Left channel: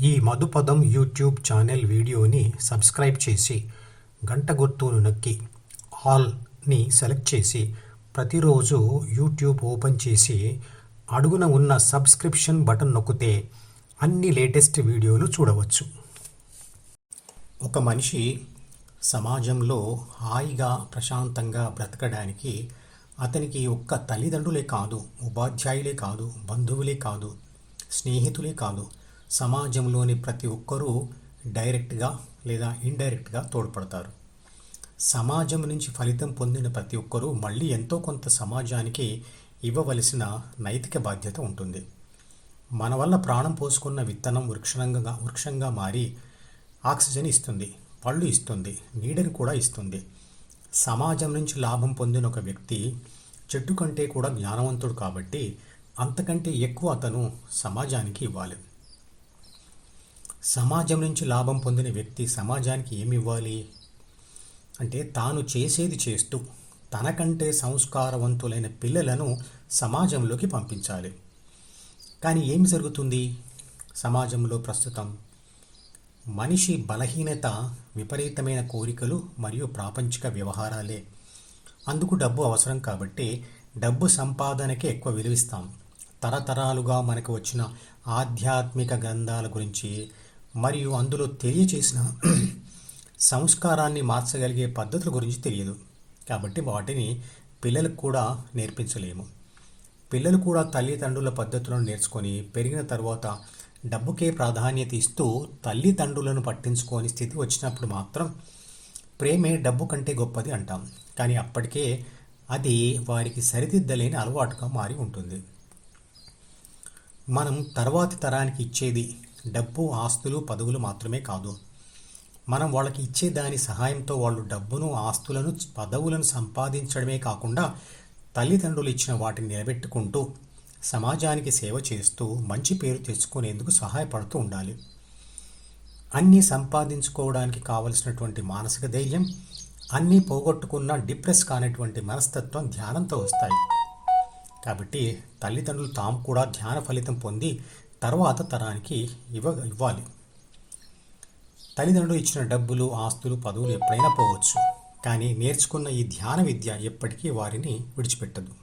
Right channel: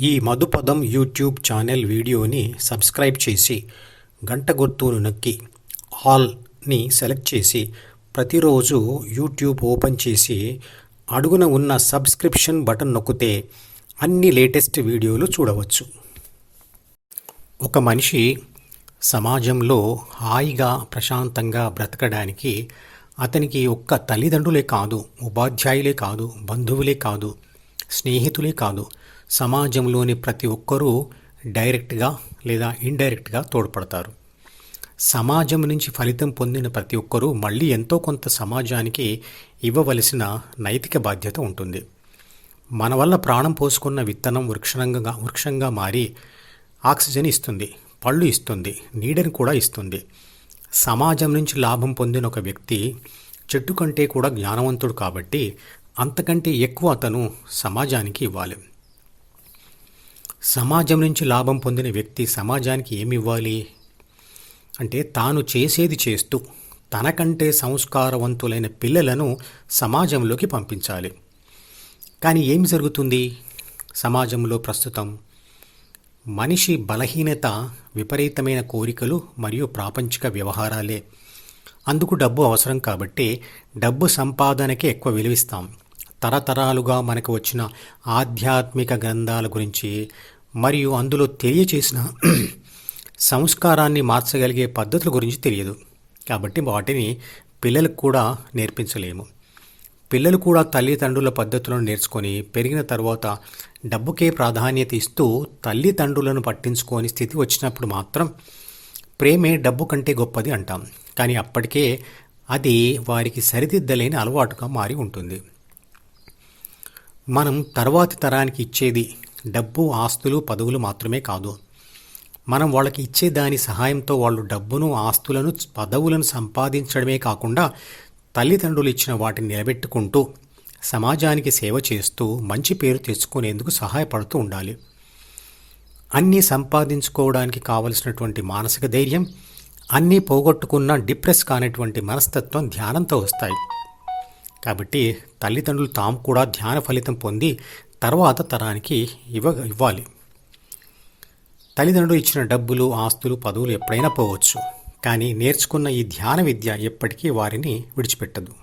ఈ మధుపదం YouTube channel వీడియోని subscribe చేసి గంట గుర్తును నొక్కి ఆల్ని సెలెక్ట్ చేసి ప్రతిరోజు యూట్యూబ్ ఓపెన్ చేసి అడుగున ఉన్న సబ్స్క్రిప్షన్ బటన్ నొక్కితే అన్ని లేటెస్ట్ వీడియోలు చూడవచ్చు. ఒక మనిషి సమాజంలో హాయిగా ప్రశాంతంగా బ్రతకడానికి అతనికి ఒక్క తల్లిదండ్రులే కాదు ఉపాధ్యాయులే కాదు బంధువులే కాదు స్నేహితులే కాదు సమాజంలోని ప్రతి ఒక్కరూ డైరెక్ట్గా లేదా ఇండైరెక్ట్గా తోడ్పడతారు. సమాజం నుంచి ఫలితం పొందిన ప్రతి ఒక్కరూ మళ్ళీ ఎంతో కొంత సమాజానికి ఇవ్వవలసిన నైతిక బాధ్యత ఉంటుంది. మన వల్ల ప్రాణం పోసుకున్న విత్తనం వృక్షంగా వృక్షంగా మారి ఆక్సిజన్ ఇస్తుంది పళ్ళు ఇస్తుంది నీడని కూడా ఇస్తుంది. సమాజం నుంచి లాభం పొందిన ఒక వ్యక్తి చెట్టు కంటే కూడా జ్ఞానవంతుడు కాబట్టి అంతకంటే ఎక్కువ అతను సమాజానికి ఇవ్వాలి. సమాజం నుంచి లాభం పొందిన వ్యక్తి సమాజానికి ఏమి ఇవ్వాలి? అంటే తాను చేసేది చేస్తూ తనకంటే సంస్కారవంతులైన పిల్లలను సమాజంలోకి పంపించాలి. కానీ ఏమి జరుగుతుంది? సమాజంలో ప్రస్తుతం మనిషి బలహీనత విపరీతమైన కోరికలు మరియు ప్రాపంచిక వ్యవహారాలే. అందుకు డబ్బు అవసరం కాబట్టి డబ్బు సంపాదనకే ఎక్కువ విలువిస్తాం. తరతరాలుగా మనకు వచ్చిన ఆధ్యాత్మిక గ్రంథాల గురించి మరియు అందులో తెలియచేసిన సంస్కారాన్ని మార్చగలిగే పద్ధతుల గురించి తెలియదు. కాబట్టి వాటిని పిల్లలకు కూడా నేర్పించలేము. పిల్లలు కూడా తల్లిదండ్రుల పద్ధతులను నేర్చుకొని పెరిగిన తర్వాత డబ్బుకే ప్రాధాన్యత ఇస్తూ తల్లిదండ్రులను పట్టించుకోని స్థితి వచ్చినప్పుడు మాత్రం ప్రేమే డబ్బు కంటే గొప్పది అంటాం. కానీ అప్పటికే అది వారికి సరిదిద్దలేని అలవాటుగా మారి ఉంటుంది. మనం తర్వాతి తరానికి ఇచ్చేది డబ్బు ఆస్తులు పదవులు మాత్రమే కాదు. మనం వాళ్ళకి ఇచ్చే దాని సహాయంతో వాళ్ళు డబ్బును ఆస్తులను పదవులను సంపాదించడమే కాకుండా తల్లిదండ్రులు ఇచ్చిన వాటిని నిలబెట్టుకుంటూ సమాజానికి సేవ చేస్తూ మంచి పేరు తెచ్చుకునేందుకు సహాయపడుతూ ఉండాలి. అన్నీ సంపాదించుకోవడానికి కావలసినటువంటి మానసిక ధైర్యం అన్నీ పోగొట్టుకున్న డిప్రెస్ కానటువంటి మనస్తత్వం ధ్యానంతో వస్తాయి. కాబట్టి తల్లిదండ్రులు తాము కూడా ధ్యాన ఫలితం పొంది తర్వాత తరానికి ఇవ్వ ఇవ్వాలి. తల్లిదండ్రులు ఇచ్చిన డబ్బులు ఆస్తులు పదవులు ఎప్పుడైనా పోవచ్చు. కానీ నేర్చుకున్న ఈ ధ్యాన విద్య ఎప్పటికీ వారిని విడిచిపెట్టదు.